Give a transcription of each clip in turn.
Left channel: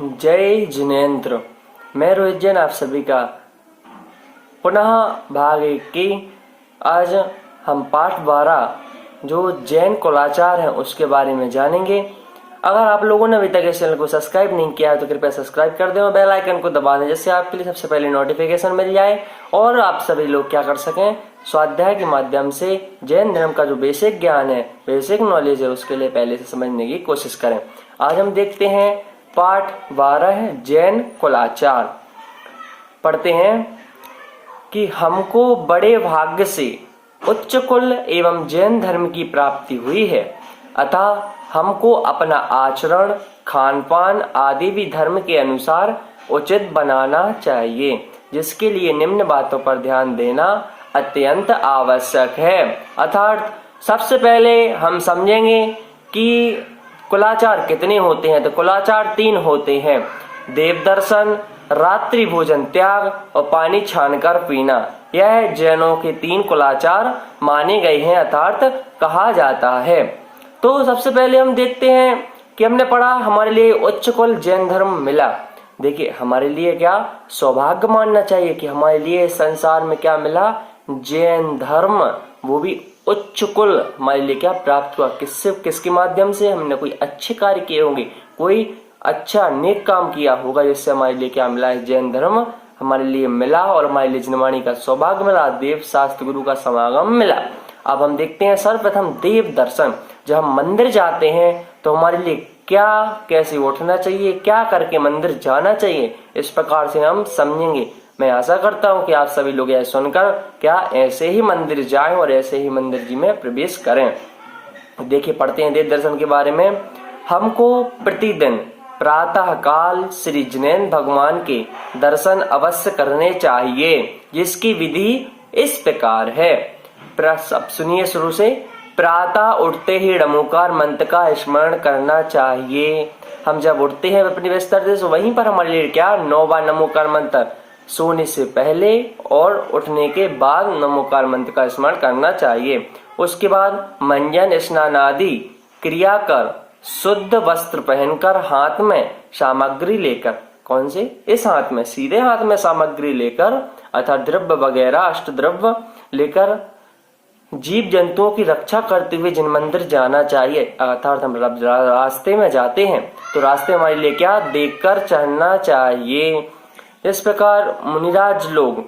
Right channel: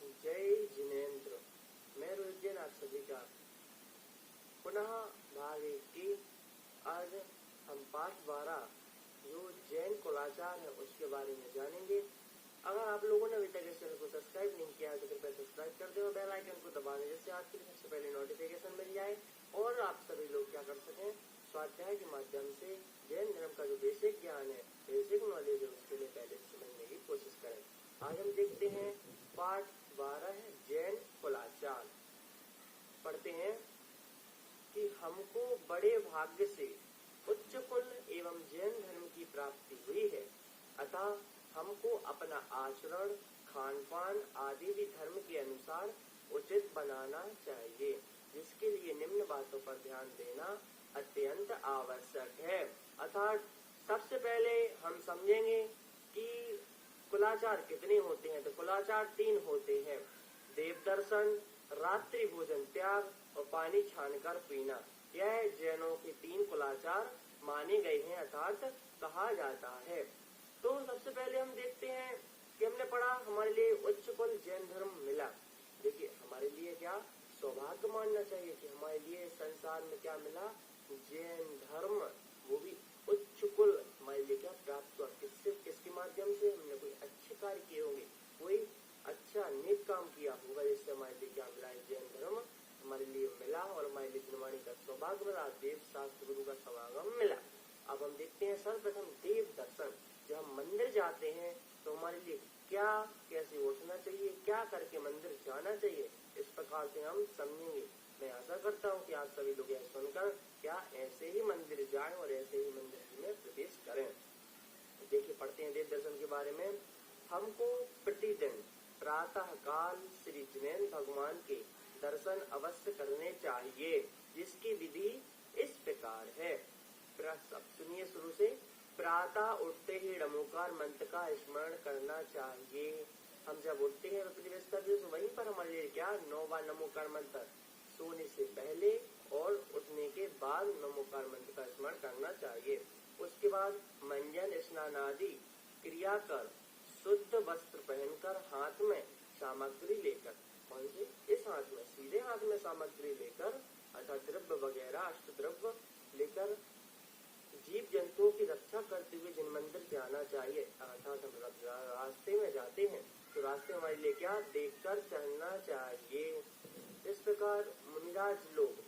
जय जिनेन्द्र। मैं रोहित जैन आप सभी का पुनः भाग 1 की आज हम पाठ 12 जो जैन कुलाचार है उसके बारे में जानेंगे। अगर आप लोगों ने अभी तक इस चैनल को सब्सक्राइब नहीं किया है तो कृपया सब्सक्राइब कर दें और बेल आइकन को दबा दें जिससे आपके लिए सबसे पहले नोटिफिकेशन मिल जाए और आप सभी लोग क्या कर सकें, स्वाध्याय के माध्यम से जैन धर्म का जो बेसिक ज्ञान है, बेसिक नॉलेज है, उसके लिए पहले से समझने की कोशिश करें। आज हम देखते हैं पाठ 12 है जैन कुलाचार। पढ़ते हैं कि हमको बड़े भाग्य से उच्च कुल एवं जैन धर्म की प्राप्ति हुई है, अतः हमको अपना आचरण, खान पान आदि भी धर्म के अनुसार उचित बनाना चाहिए, जिसके लिए निम्न बातों पर ध्यान देना अत्यंत आवश्यक है। अर्थात सबसे पहले हम समझेंगे कि कुलाचार कितने होते हैं। तो कुलाचार 3 होते हैं: देव दर्शन, रात्रि भोजन त्याग और पानी छानकर पीना। यह जैनों के 3 कुलाचार माने गए हैं, अर्थात कहा जाता है। तो सबसे पहले हम देखते हैं कि हमने पढ़ा हमारे लिए उच्च कुल जैन धर्म मिला। देखिए हमारे लिए क्या सौभाग्य मानना चाहिए कि हमारे लिए संसार में क्या मिला, जैन धर्म, वो भी उच्च कुल हमारे लिए क्या प्राप्त हुआ। किसके माध्यम से? हमने कोई अच्छे कार्य किए होंगे, कोई अच्छा नेक काम किया होगा, जिससे हमारे लिए क्या मिला है, जैन धर्म हमारे लिए मिला और हमारे लिए जनवाणी का सौभाग्य मिला, देव शास्त्र गुरु का समागम मिला। अब हम देखते हैं सर्वप्रथम देव दर्शन। जब हम मंदिर जाते हैं तो हमारे लिए क्या, कैसे उठना चाहिए, क्या करके मंदिर जाना चाहिए, इस प्रकार से हम समझेंगे। मैं आशा करता हूं कि आप सभी लोग यह सुनकर क्या ऐसे ही मंदिर जाएं और ऐसे ही मंदिर जी में प्रवेश करें। देखिए पढ़ते हैं देव दर्शन के बारे में। हमको प्रतिदिन प्रातः काल श्री जिनेन्द्र भगवान के दर्शन अवश्य करने चाहिए, जिसकी विधि इस प्रकार है। अब सुनिए शुरू से। प्रातः उठते ही णमोकार मंत्र का स्मरण करना चाहिए। हम जब उठते हैं अपने बिस्तर से वहीं पर हमारे लिए क्या 9 बार नमोकार मंत्र, सोने से पहले और उठने के बाद नमोकार मंत्र का स्मरण करना चाहिए। उसके बाद मंजन स्नान आदि क्रिया कर शुद्ध वस्त्र पहनकर हाथ में सामग्री लेकर, कौन से? इस हाथ में, सीधे हाथ में सामग्री लेकर अर्थात द्रव्य वगैरह अष्ट द्रव्य लेकर जीव जंतुओं की रक्षा करते हुए जिन मंदिर जाना चाहिए। अर्थात हम रास्ते में जाते हैं तो रास्ते हमारे लिए क्या देखकर चढ़ना चाहिए। इस प्रकार मुनिराज लोग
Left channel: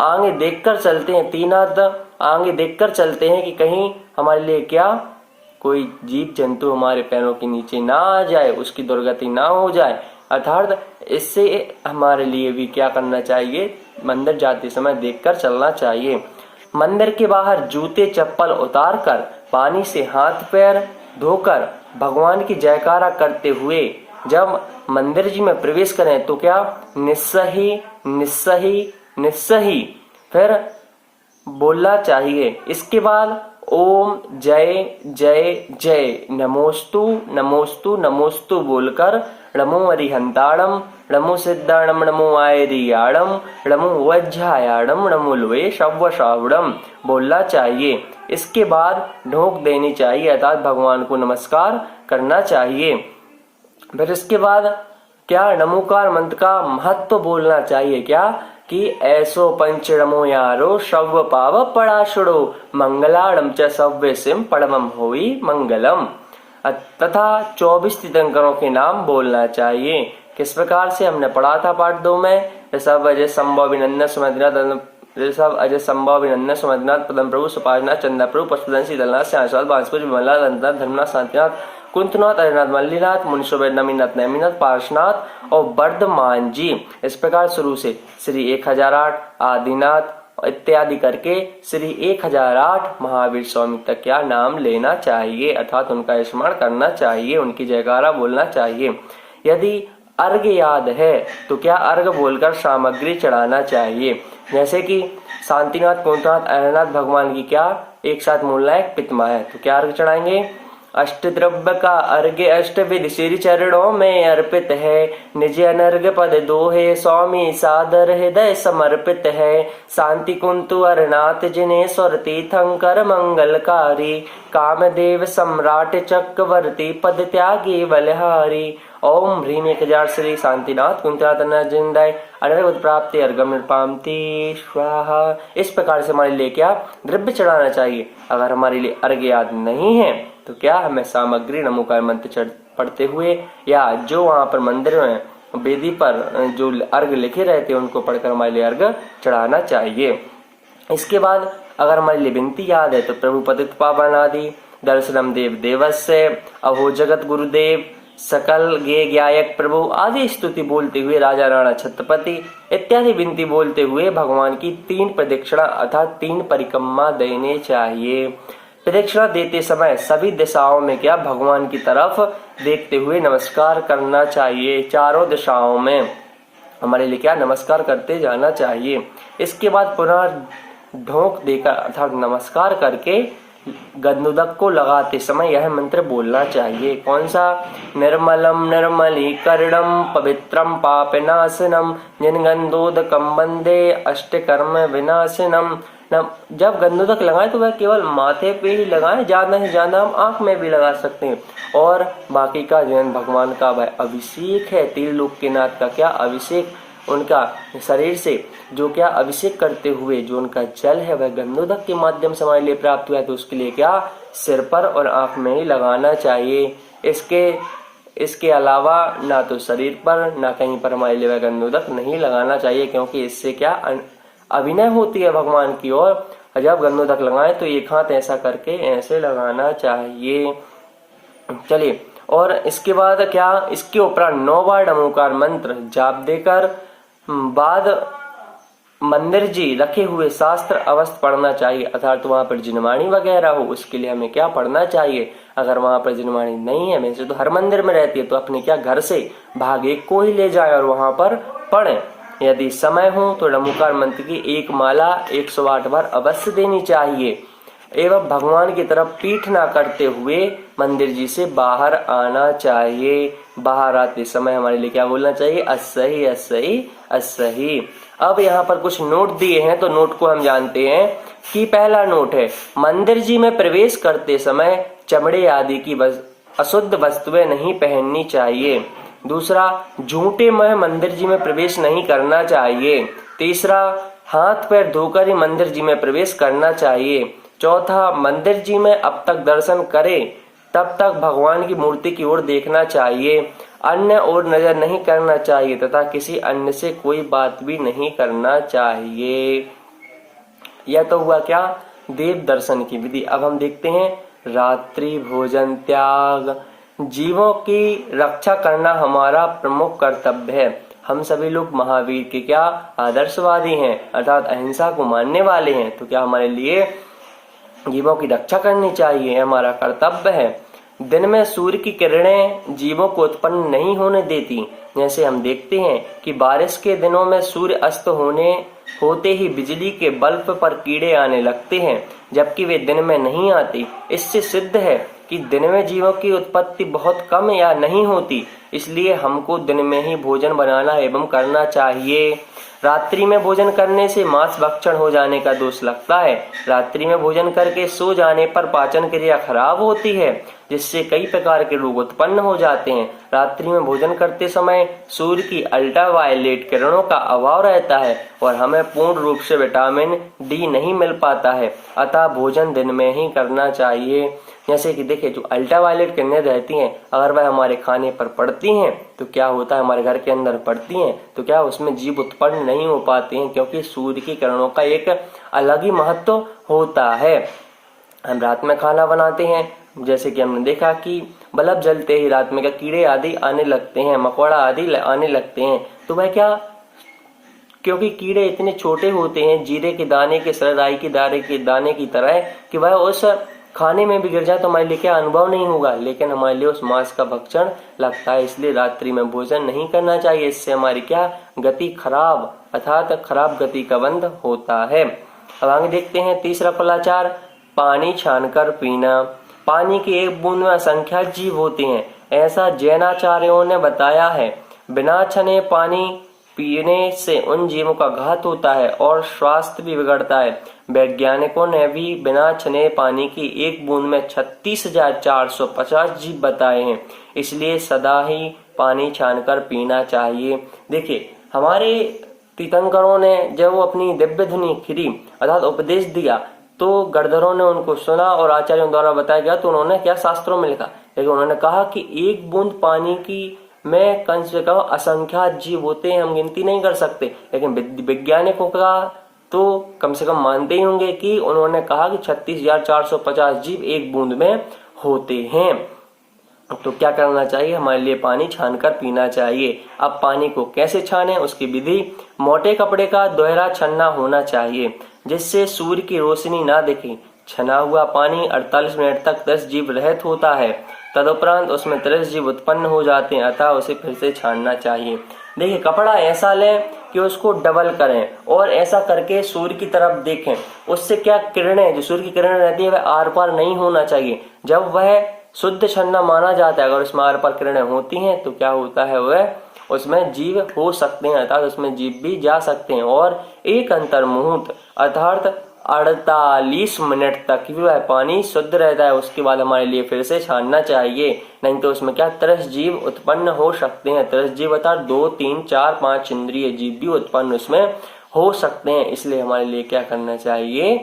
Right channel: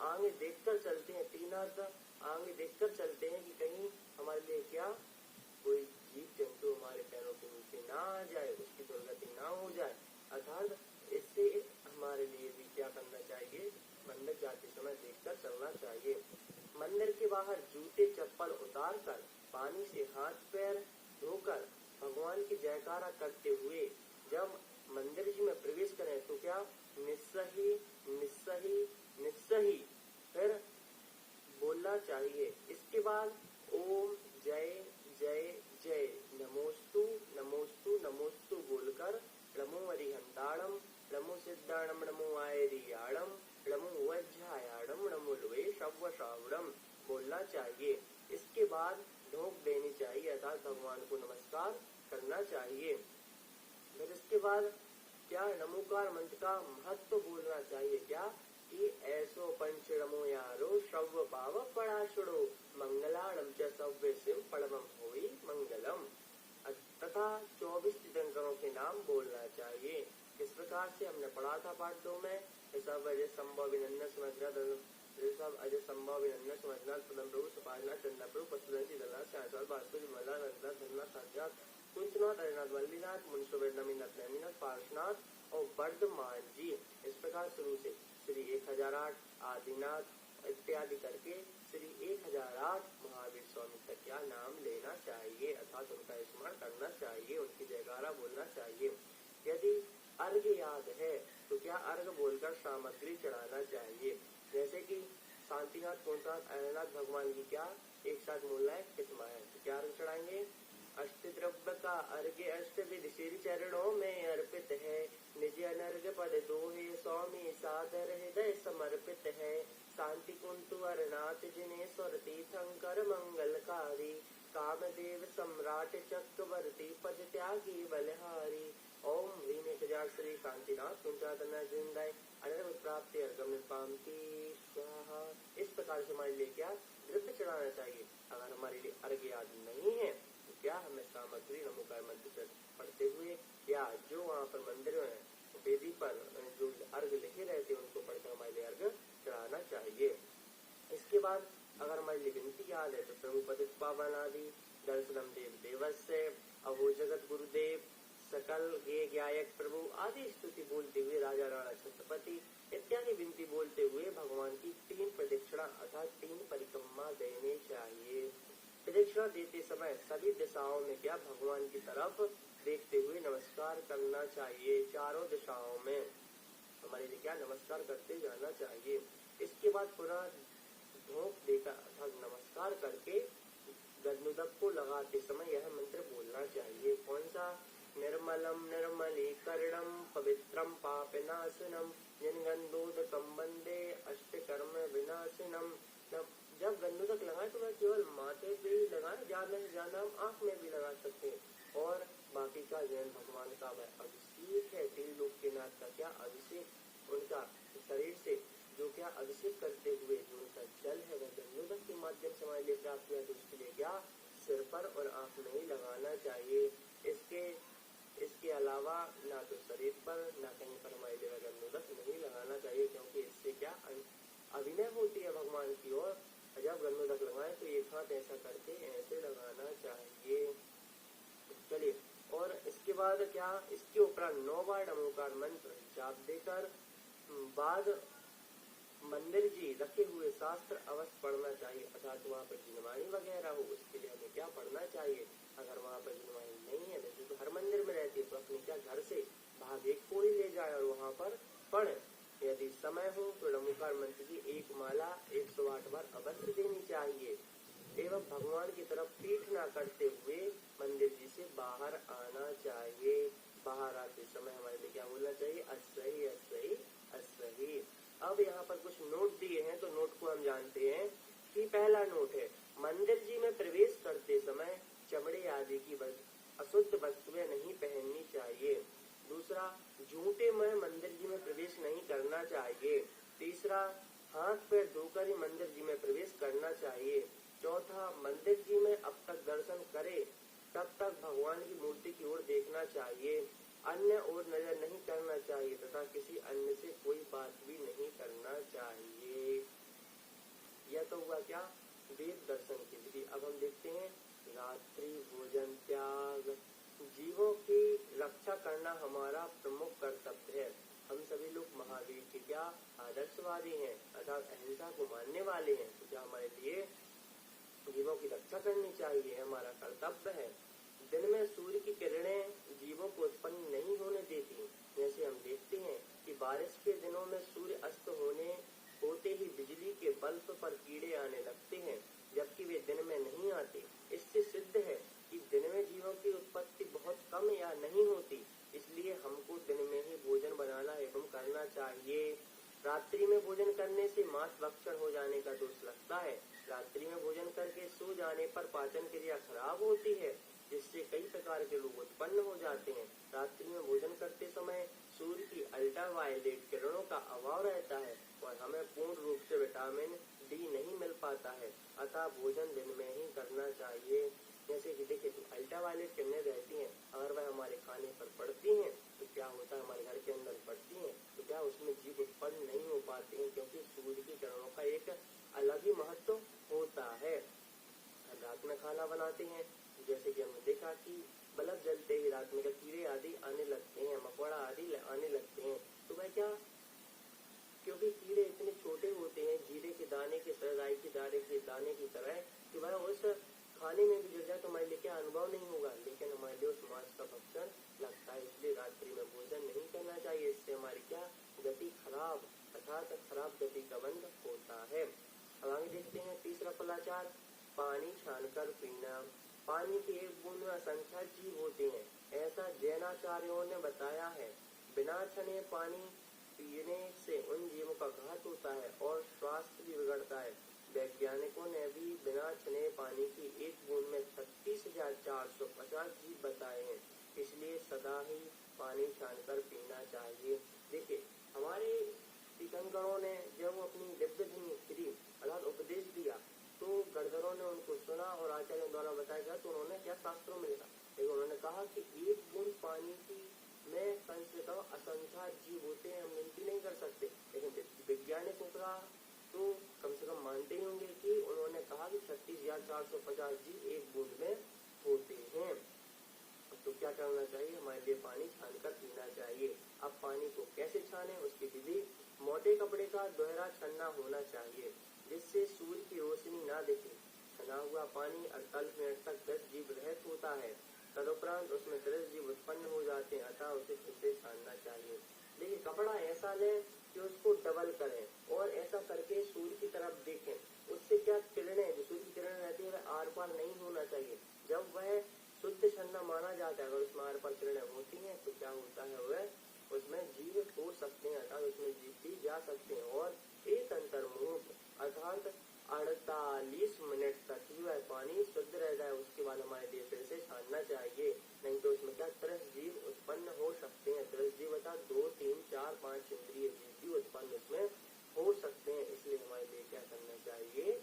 आगे देखकर चलते हैं, 3 हाथ आगे देखकर चलते हैं कि कहीं हमारे लिए क्या कोई जीव जंतु हमारे पैरों के नीचे ना आ जाए, उसकी दुर्गति ना हो जाए। अर्थात इससे हमारे लिए भी क्या करना चाहिए, मंदिर जाते समय देखकर चलना चाहिए। मंदिर के बाहर जूते चप्पल उतार कर पानी से हाथ पैर धोकर भगवान की जयकारा करते हुए जब मंदिर जी में प्रवेश करें तो क्या निस्सही निस्सही निस्सही फिर बोलना चाहिए। इसके बाद ओम जय जय जय नमोस्तु नमोस्तु नमोस्तु बोलकर नमो अरिहंताणम नमो सिद्धाणम नमो आयरियाणम नमो वज्रायाणम नमो लुवे शव्वशावड़म बोलना चाहिए। इसके बाद ढोक देनी चाहिए, अर्थात भगवान को नमस्कार करना चाहिए। फिर इसके बाद क्या नमोकार मंत्र का महत्व बोलना चाहिए, क्या कि ऐसो पंच नमो यारो शव्य पाव पड़ाशुड़ो मंगलाड़म च सव्य सिम पड़मम होई मंगलम, तथा 24 तीर्थंकरों के नाम बोलना चाहिए। किस प्रकार से? हमने पढ़ा था पाठ 2 में। ऋषभ अजय संभव अभिनंदन सुमद्रनाथ, ऋषभ अजय संभव अभिनंदन सुमद्रनाथ पदम प्रभु सुपाजनाथ चंदा प्रभु पशुधन शीतलनाथ श्यामलाल बांसपुर विमला दंतनाथ धर्मनाथ शांतिनाथ कुंतनाथ अजयनाथ मल्लीनाथ मुनिशोभेद नमीनाथ नैमीनाथ पार्शनाथ और वर्धमान जी। इस प्रकार शुरू से श्री 1008 आदिनाथ इत्यादि करके श्री 1008 महावीर स्वामी तक क्या नाम लेना चाहिए, अर्थात उनका स्मरण करना चाहिए, उनकी जयकारा बोलना चाहिए। यदि अर्घ याद है तो क्या अर्घ बोलकर सामग्री चढ़ाना चाहिए, जैसे कि शांतिनाथ कुंतनाथ अयरनाथ भगवान की क्या एक साथ मूलनायक पितमा है तो क्या अर्घ चढ़ाएंगे। अष्ट द्रव्य का अर्घ्य अष्ट विधि श्री चरणों में अर्पित है, निज अनर्घ पद दोहे स्वामी सादर हृदय समर्पित है। शांति कुंतु अरनाथ जिने स्वर तीर्थंकर मंगलकारी, कामदेव सम्राट चक्रवर्ती पद त्यागी बलहारी। ओम ह्रीम 1000 श्री शांतिनाथ कुंतनाथ नजिंदाय अनर्गत प्राप्ति अर्गम निर्पामती स्वाहा। इस प्रकार से हमारे लिए क्या द्रव्य चढ़ाना चाहिए। अगर हमारे लिए अर्घ्य याद नहीं है तो क्या हमें सामग्री नमोकार मंत्र पढ़ते हुए या जो वहां पर मंदिर में वेदी पर जो अर्घ लिखे रहते हैं उनको पढ़कर हमारे लिए अर्घ चढ़ाना चाहिए। इसके बाद अगर हमारे लिए विनती याद है तो प्रभु पतित पावन आदि दर्शनम देव देवस्य अहो जगत गुरुदेव सकल गे ज्ञायक प्रभु आदि स्तुति बोलते हुए राजा राणा छत्रपति इत्यादि विनती बोलते हुए भगवान की 3 प्रदक्षिणा अर्थात 3 परिक्रमा देने चाहिए। प्रदक्षिणा देते समय सभी दिशाओं में क्या भगवान की तरफ देखते हुए नमस्कार करना चाहिए। चारों दिशाओं में हमारे लिए क्या नमस्कार करते जाना चाहिए। इसके बाद पुनः ढोक देकर अर्थात नमस्कार करके गंधोदक को लगाते समय यह मंत्र बोलना चाहिए। कौन सा? निर्मलम निर्मलीकरणम पवित्रम पापनाशनम जिनगंधोदकम वंदे अष्टकर्म विनाशनम। जब गंधोदक लगाएं तो वह केवल माथे पे ही लगाएं, ज्यादा से ज्यादा हम आंख में भी लगा सकते हैं। और बाकी का जैन भगवान का वह अभिषेक है, त्रिलोक के नाथ का क्या अभिषेक, उनका शरीर से जो क्या अभिषेक करते हुए जो उनका जल है वह गंधोदक के माध्यम से हमारे लिए प्राप्त हुआ है, तो उसके लिए क्या सिर पर और आंख में ही लगाना चाहिए। इसके अलावा ना तो शरीर पर ना कहीं पर हमारे लिए वह गंधोदक नहीं लगाना चाहिए, क्योंकि इससे क्या अभिनय होती है भगवान की। और जब गंधोदक लगाएं तो एक हाथ ऐसा करके ऐसे लगाना चाहिए। चलिए, और इसके बाद क्या इसके ऊपर 9 बार नमोकार मंत्र जाप देकर बाद मंदिर जी रखे हुए शास्त्र अवश्य पढ़ना चाहिए। अर्थात वहां पर जिनवाणी वगैरह हो उसके लिए हमें क्या पढ़ना चाहिए। अगर वहां पर जिनवाणी नहीं है, वैसे तो हर मंदिर में रहती है, तो अपने क्या घर से भाग एक को ही ले जाए और वहां पर पढ़े। यदि समय हो तो नमोकार मंत्र की एक माला 108 बार अवश्य देनी चाहिए एवं भगवान की तरफ पीठ ना करते हुए मंदिर जी से बाहर आना चाहिए। बाहर आते समय हमारे लिए क्या बोलना चाहिए? अस्सही अस्सही अस्सही। अब यहाँ पर कुछ नोट दिए हैं, तो नोट को हम जानते हैं कि पहला नोट है, मंदिर जी में प्रवेश करते समय चमड़े आदि की अशुद्ध वस्तुएं नहीं पहननी चाहिए। दूसरा, झूठे में मंदिर जी में प्रवेश नहीं करना चाहिए। तीसरा, हाथ पैर धोकर ही मंदिर जी में प्रवेश करना चाहिए। चौथा, मंदिर जी में अब तक दर्शन करे तब तक भगवान की मूर्ति की ओर देखना चाहिए, अन्य ओर नजर नहीं करना चाहिए तथा किसी अन्य से कोई बात भी नहीं करना चाहिए। यह तो हुआ क्या देव दर्शन की विधि। अब हम देखते हैं रात्रि भोजन त्याग। जीवों की रक्षा करना हमारा प्रमुख कर्तव्य है। हम सभी लोग महावीर के क्या आदर्शवादी हैं, अर्थात अहिंसा को मानने वाले हैं, तो क्या हमारे लिए जीवों की रक्षा करनी चाहिए, हमारा कर्तव्य है। दिन में सूर्य की किरणें जीवों को उत्पन्न नहीं होने देती। जैसे हम देखते हैं कि बारिश के दिनों में सूर्य अस्त होते ही बिजली के बल्ब पर कीड़े आने लगते हैं, जबकि वे दिन में नहीं आते। इससे सिद्ध है कि दिन में जीवों की उत्पत्ति बहुत कम या नहीं होती, इसलिए हमको दिन में ही भोजन बनाना एवं करना चाहिए। रात्रि में भोजन करने से मांस भक्षण हो जाने का दोष लगता है। रात्रि में भोजन करके सो जाने पर पाचन क्रिया खराब होती है, जिससे कई प्रकार के रोग उत्पन्न हो जाते हैं। रात्रि में भोजन करते समय सूर्य की अल्ट्रावायलेट किरणों का अभाव रहता है और हमें पूर्ण रूप से विटामिन डी नहीं मिल पाता है, अतः भोजन दिन में ही करना चाहिए। जैसे कि देखिए, जो अल्ट्रावायलेट किरणें रहती हैं, अगर वह हमारे खाने पर पड़ती हैं तो क्या होता है, हमारे घर के अंदर पड़ती हैं तो क्या उसमें जीव उत्पन्न नहीं हो पाते हैं, क्योंकि सूर्य की किरणों का एक अलग ही महत्व होता है। हम रात में खाना बनाते हैं, जैसे कि हमने देखा कि बल्ब जलते ही रात में क्या कीड़े आदि आने लगते हैं, मकोड़ा आदि आने लगते हैं, तो वह क्या, क्योंकि कीड़े इतने छोटे होते हैं, जीरे के दाने के सरदाई के दाने की तरह, कि वह उस खाने में भी गिर जाए तो हमारे लिए क्या अनुभव नहीं होगा, लेकिन हमारे लिए उस मांस का भक्षण लगता है। इसलिए रात्रि में भोजन नहीं करना चाहिए, इससे हमारी क्या गति खराब अर्थात खराब गति का बंध होता है। अब आगे देखते हैं तीसरा फलाचार, पानी छानकर पीना। पानी की एक बूंद में असंख्य जीव होते हैं, ऐसा जैनाचार्यों ने बताया है। बिना छने पानी पीने से उन जीवों का घात होता है और स्वास्थ्य भी बिगड़ता है। वैज्ञानिकों ने भी बिना छने पानी की एक बूंद में 36,450 जीव बताए हैं। इसलिए सदा ही पानी छानकर पीना चाहिए। देखिए, हमारे तीर्थंकरों ने जब वो अपनी दिव्य ध्वनि खिरी अर्थात उपदेश दिया तो गणधरों ने उनको सुना और आचार्यों द्वारा बताया गया तो उन्होंने क्या शास्त्रों में लिखा, लेकिन उन्होंने कहा कि एक बूंद पानी की में कम से कम असंख्यात जीव होते हैं, हम गिनती नहीं कर सकते। लेकिन वैज्ञानिकों का तो कम से कम मानते ही होंगे कि उन्होंने कहा कि 36,450 जीव एक बूंद में होते हैं। तो क्या करना चाहिए, हमारे लिए पानी छानकर पीना चाहिए। अब पानी को कैसे छाने, उसकी विधि, मोटे कपड़े का दोहरा छन्ना होना चाहिए जिससे सूर्य की रोशनी ना दिखे। छना हुआ पानी 48 मिनट तक 10 जीव रहित होता है, तदुपरांत उसमें 30 जीव उत्पन्न हो जाते हैं, अतः उसे फिर से छानना चाहिए। देखिए, कपड़ा ऐसा लें कि उसको डबल करें और ऐसा करके सूर्य की तरफ देखें। उससे क्या किरणें, जो सूर्य की किरणें रहती है, वह आर पार नहीं होना चाहिए। जब वह शुद्ध छन्ना माना जाता है, अगर उसमें आर पार किरणें होती हैं तो क्या होता है, वह उसमें जीव हो सकते हैं अर्थात उसमें जीव भी जा सकते हैं। और एक अंतर्मुहूर्त अर्थात 48 मिनट तक वह पानी शुद्ध रहता है, उसके बाद हमारे लिए फिर से छानना चाहिए, नहीं तो उसमें क्या 30 जीव उत्पन्न हो सकते हैं। 30 जीव अर्थात 2, 3, 4, 5 इंद्रिय जीव भी उत्पन्न उसमें हो सकते हैं। इसलिए हमारे लिए क्या करना चाहिए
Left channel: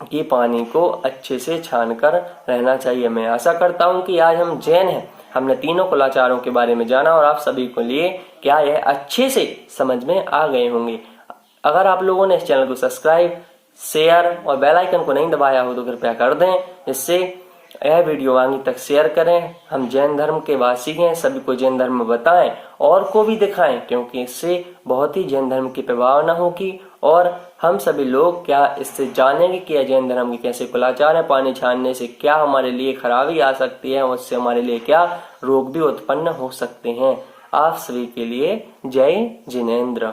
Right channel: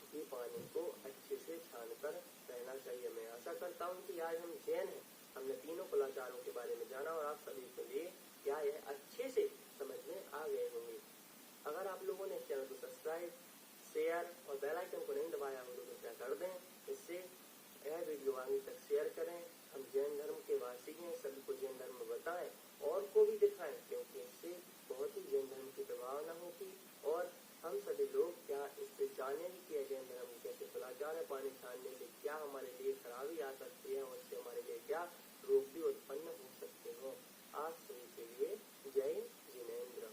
कि पानी को अच्छे से छानकर रहना चाहिए। मैं आशा करता हूं कि आज हम जैन हैं, हमने तीनों कुलाचारों के बारे में जाना और आप सभी को लिए क्या यह अच्छे से समझ में आ गए होंगे। अगर आप लोगों ने इस चैनल को सब्सक्राइब, शेयर और बेल आइकन को नहीं दबाया हो तो कृपया कर दें, जिससे यह वीडियो आगे तक शेयर करें। हम जैन धर्म के वासी हैं, सभी को जैन धर्म बताएं और को भी दिखाएं, क्योंकि इससे बहुत ही जैन धर्म की प्रभावना होगी और हम सभी लोग क्या इससे जानेंगे कि यह जैन धर्म के कैसे कुलाचार है, पानी छानने से क्या हमारे लिए खराबी आ सकती है, उससे हमारे लिए क्या रोग भी उत्पन्न हो सकते हैं। आप सभी के लिए जय जिनेंद्र।